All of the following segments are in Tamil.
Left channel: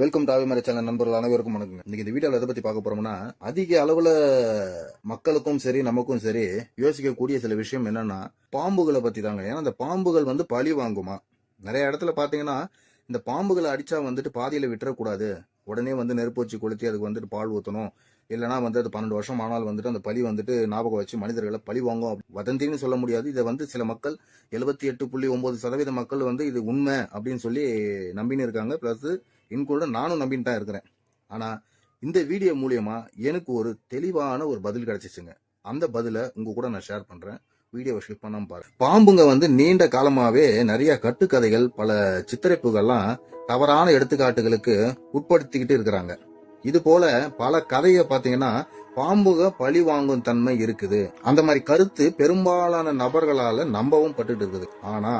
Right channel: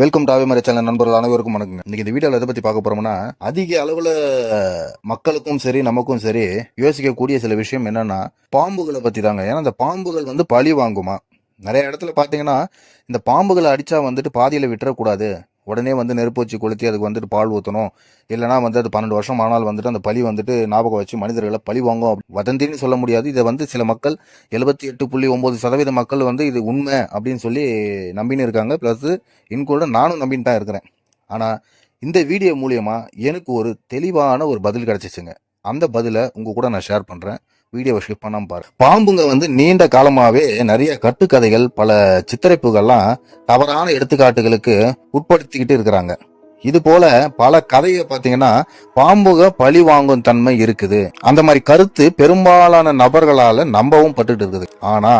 வெல்கம் டாவே மறை சேனல் நண்பர்கள் அனைவருக்கும் வணக்கங்க. இன்னைக்கு இந்த வீடியோவில் எதை பத்தி பார்க்க போறோம்னா அதிக அளவுல மக்களுக்கும் சரி நமக்கும் சரி யோசிக்கக்கூடிய சில விஷயம் என்னன்னா பாம்புகளை பத்தி தாங்க ஏன்னா இந்த பாம்புகள் வந்து பழி வாங்குமா? நிறைய இடத்துல பாத்தீங்கன்னா இந்த பாம்புகளை அடிச்சா வந்துட்டு பாதியில விட்டுறக்கூடாது. உடனே வந்து நெருப்பு வச்சு கொளுத்தி அதுக்கு வந்துட்டு பால் ஊற்றணும் இல்லைனா வந்து அது பன்னெண்டு வருஷம் ஆனால் வந்துட்டு அந்த பழி வந்துட்டு ஞாபகம் வச்சு மனிதர்களை பழி வாங்கும் வதந்தின்னு சொல்ல முடியாது. இதை வந்து சில மக்கள் எழுபத்தி எட்டு புள்ளி ஒம்பது சதவீத மக்கள் வந்து இது உண்மை அப்படின்னு சொல்லி நம்பின்னு இருக்காங்க. ப்ளஸ் இன்கூட நானும் நம்பின்னு தான் இருக்கிறேன். ஆனால் இந்த வீடியோ மூலியமாக எனக்கு ஒரு தெளிவான ஒரு பதில் கிடச்சிச்சுங்க. அந்த பதிலை உங்க கூட நான் ஷேர் பண்ணுறேன் வீடியோவை ஸ்கிப் பண்ணாமல் பாரு. பாம்புங்க வந்து நீண்ட காலமாகவே நிறைய கட்டுக்கதைகள் பல சித்தரிப்புகள்லாம் தவறான எடுத்துக்காட்டுகளுக்கு உட்படுத்திக்கிட்டு இருக்கிறாங்க. இது போல பல கதையை பார்த்தீங்கன்னா பாம்புக பழி வாங்கும் தன்மை இருக்குது. அந்த மாதிரி கருத்து பெரும்பாலான நபர்களால நம்பவும் பட்டுட்டு இருக்குது. ஆனா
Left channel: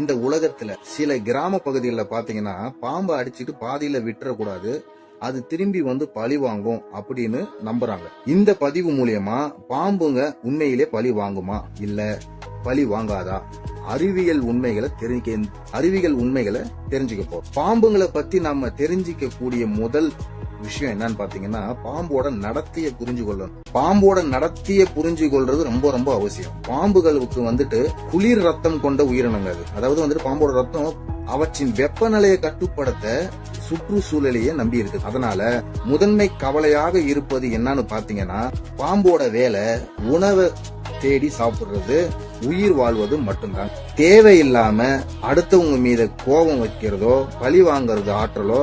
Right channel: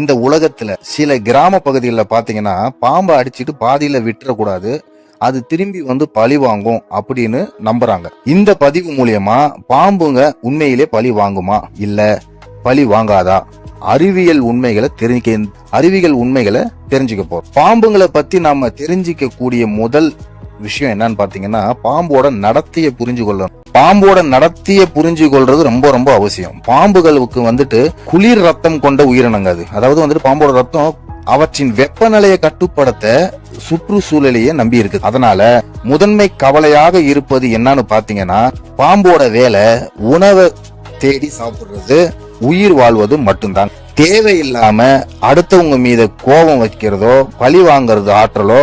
இந்த உலகத்துல சில கிராம பகுதிகளில் பார்த்தீங்கன்னா பாம்பை அடிச்சுட்டு பாதியில விட்டுறக்கூடாது. அது திரும்பி வந்து பழி வாங்கும் அப்படின்னு நம்புறாங்க. இந்த பதிவு மூலியமா பாம்புங்க உண்மையிலே பழி வாங்குமா? இல்ல பழி வாங்காதா? அறிவியல் உண்மைகளை தெரிஞ்சுக்க அறிவியல் உண்மைகளை தெரிஞ்சுக்க போறோம். பாம்புங்களை பத்தி நாம தெரிஞ்சிக்க கூடிய முதல் விஷயம் என்னன்னு பாத்தீங்கன்னா பாம்போட நடத்தைய புரிஞ்சு கொள்ளணும். பாம்போட நடத்திய புரிஞ்சு கொள்றது ரொம்ப ரொம்ப அவசியம். பாம்புகளுக்கு வந்துட்டு குளிர் ரத்தம் கொண்ட உயிரினங்க அது. அதாவது வந்துட்டு பாம்போட ரத்தம் அவற்றின் வெப்பநிலையை கட்டுப்படுத்த சுற்றுச்சூழலையே நம்பி இருக்கு அதனால முதன்மை கவலையாக இருப்பது என்னன்னு பாத்தீங்கன்னா பாம்போட வேலை உணவை தேடி சாப்பிடுறது உயிர் வாழ்வது மட்டும்தான். தேவையில்லாம அடுத்தவங்க மீத கோபம் வைக்கிறதோ பழி வாங்குறது ஆற்றலோ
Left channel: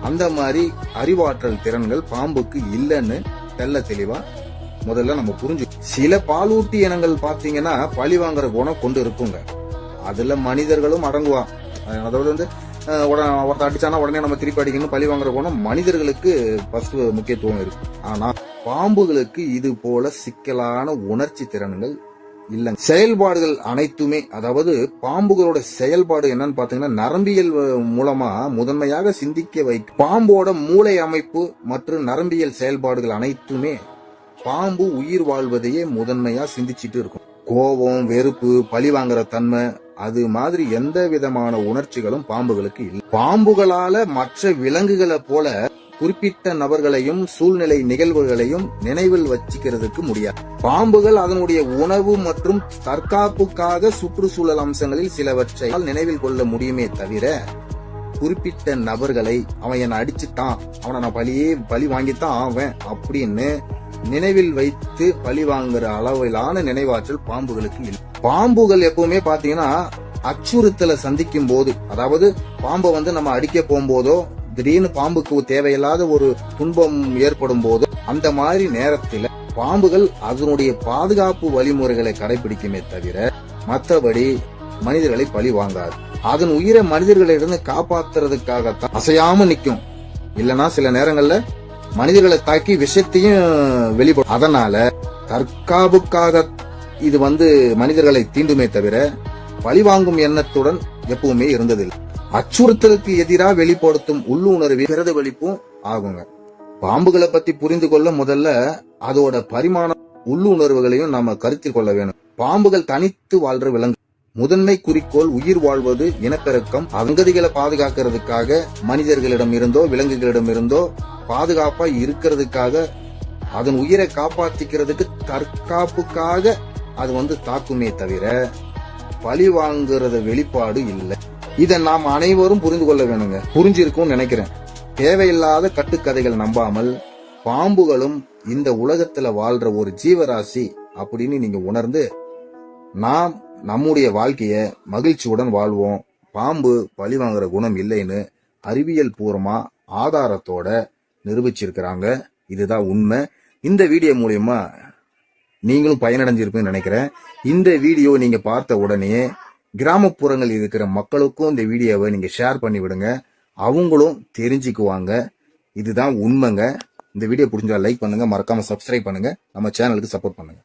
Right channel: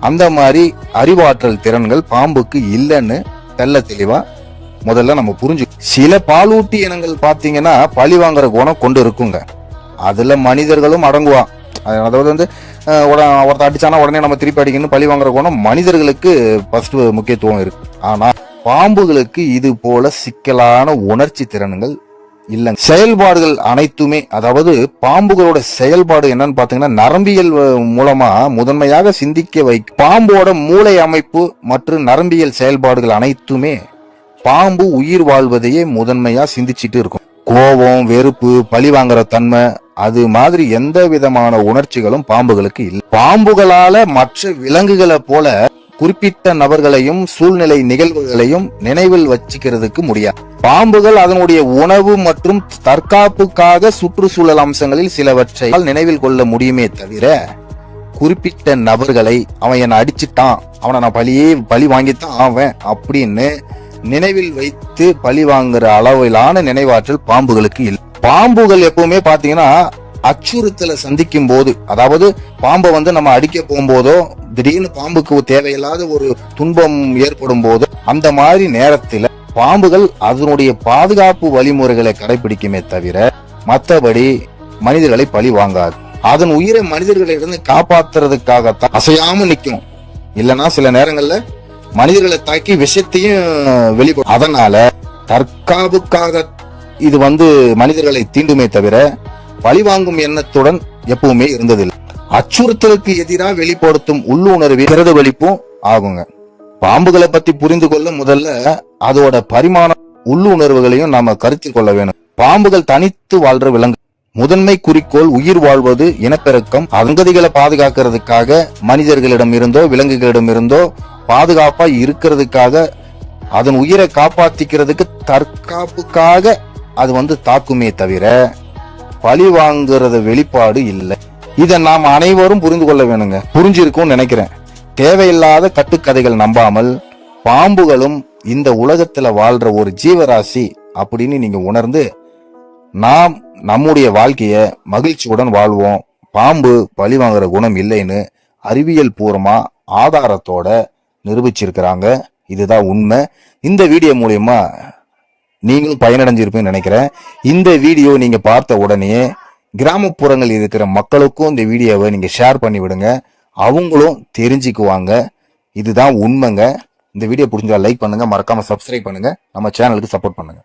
அந்த மாதிரி அறிவாற்றல் திறன்கள் பாம்புக்கு இல்லைன்னு தெல்ல தெளிவா முதல்ல நம்ம புரிஞ்சு. சில பாலூட்டி இனங்கள் பாத்தீங்கன்னா பழி வாங்குற குணம் கொண்டு இருக்குங்க. அதுல மனிதர்களும் அடங்குவான். அதாவது வந்து ஒருத்தர் உட- அடிச்சானா உடனே நம்ம திருப்பி அடிக்கணும் பழி வாங்குற குணம் மனிதர்களுக்கு ஃபர்ஸ்ட் முக்கியத்துவம் இருக்கு. ஆனா பாம்புகளுக்கு இது போல சிக்கலான உணர்ச்சி திறன்கள் இல்லை. செயல்பாடுகள் அனைத்துமே அதாவது பாம்புகளோட செயல்பாடு என்னன்னு பாத்தீங்கன்னா நரம்பியல் மூலமா முதன்மையாக சிந்திக்க வைக்கும் பாம்போட மூளை அமைப்பு மற்றும் நரம்பியல் செயல்பாடுகள் அனைத்துமே பாம்பு உயிர் வாழ்வதையே முதன்மையா சிந்திச்சுட்டு இருக்கும். கோபம் வெறுப்பு பழி வாங்குற தன்மை அது மாதிரி எந்த விதமான உணர்ச்சிகளும் பாம்புகளுக்கு இல்லை. பாம்புகளால மற்ற விலங்குகளை போல குறிப்பிட்ட நபர்களையும் சூழ்நிலை நிகழ்வுகளையும் நினைவில் வச்சுக்கிறதுக்கு முடியாது. பாம்புகள் அதனுடைய உணவு மற்றும் தற்காப்புக்காக சுற்றுச்சூழல் அம்சங்களில் சிலவற்றை நினைவில் கொள்ள முடியுமே தவிர குறிப்பிட்ட நபர்களை அவன் என்னை அடிச்சிட்டான் அவனை நான் பழியே பழி வாங்கித்தான் ஆவேன் அப்படின்னு நினைவில் வைத்து பழி வாங்குற அளவிலான நினைவாற்றல் பாம்புகளுக்கு இல்லை. பாம்புகள் எப்பவுமே பாத்தீங்கன்னா அச்சுறுத்தலை சந்திக்கும் போது அதாவது பாம்பை வந்து நம்ம அடிக்க போகும்போதோ திடீர்னு பாம்புக்கு தேவையில்லாத ஒரு துன்பம் ஏற்படும் போது அந்த மாதிரி நேரத்தில் பாம்புகள் அதனுடைய பாதுகாப்பு வழிமுறைகளை கடைபிடிக்குமே தவிர மற்றபடி மனிதர்களை பழி வாங்காது. அதன் உயிரை மனிதர்களிடந்து காப்பாத்துறதுக்காகத்தான் அசையாம நிக்கும். இல்லனா சில நேரங்கள்ல மனிதர்களை தாக்கி விஷத்தையும் வெளிப்படும். அதனால தற்காப்புக்காக இது வந்து மனிதர்களை தீண்டுமே தவிர பழிவாங்கும் எண்ணத்துடன் எப்பவுமே இருந்ததில்லை. அச்சுறுத்தலுக்கு எதிராக வெளிப்படுத்தும் உள்ளுணர்வு பிரதிபலிப்பும் ஆகுங்க. பாம்புகளை பத்தி புரிந்து கொள்ள முதல்ல அதோட பரிமாண உள்ளுணர்வுகளையும் நாம கருத்தில் கொள்ள வேணும். பாம்புகள் தனித்து வாழ்ற விலங்கு. முதன்மை குறிக்கோள் உயிர் வாழ்வது இனப்பெருக்கம் அங்கதிகளை பாதுகாக்கிறதுக்காக மனிதர்களிடம் இருந்தோ விலங்குகளிடம் இருந்தோ பாதுகாப்பா இருக்கிறதுக்காக அதன் உயிரை காப்பாத்திக்கிறதுக்கு தற்காப்புக்காக அது வந்து தாக்குமே தவிர பழி வாங்குறது வெளிப்பாடு இல்லை. இதை நாம் அனைவரும் புரிந்து கொள்ள வேணுங்க. புரிஞ்சிருக்கும்னு நினைக்கிறேன். தேவையில்லாத கட்டுக்கதைகள் நம்பாமல் பாம்புகளும் இந்த உலகத்துல வாழ்ற ஒரு ஜீவராசி அப்படின்னு நீங்க உணர்ந்து நாம் நம்முடைய வாழ்க்கைய மகிழ்ச்சியுடன் வாழ்வோம். பாம்பு பழி வாங்குற குணம் இல்லைன்னு அறிவியல் பூர்வமா ஆதாரத்தோட நிரூபிச்சிருக்கிறாங்க. இதுதான் உண்மை. இந்த வீடியோ மூலயமா நீங்களும் பயனடைஞ்சிருப்பேன்னு நினைக்கிறேன். இந்த வீடியோ நீங்க பார்த்த உடனே கிராமப்புறங்களில் இருக்கிற மக்களுக்கும் இந்த வீடியோவை நீங்க ஷேர் பண்ணி விடுங்க. அவங்களும் தெரிஞ்சுக்குவாங்க. இதுதான் உண்மைங்க. இந்த வீடியோ பிடிச்சா லைக் பண்ணுங்க. மறக்காம சப்ஸ்கிரைப் பண்ணுங்க. நம்ம சேனலுக்கு சப்போர்ட் பண்ணுங்க.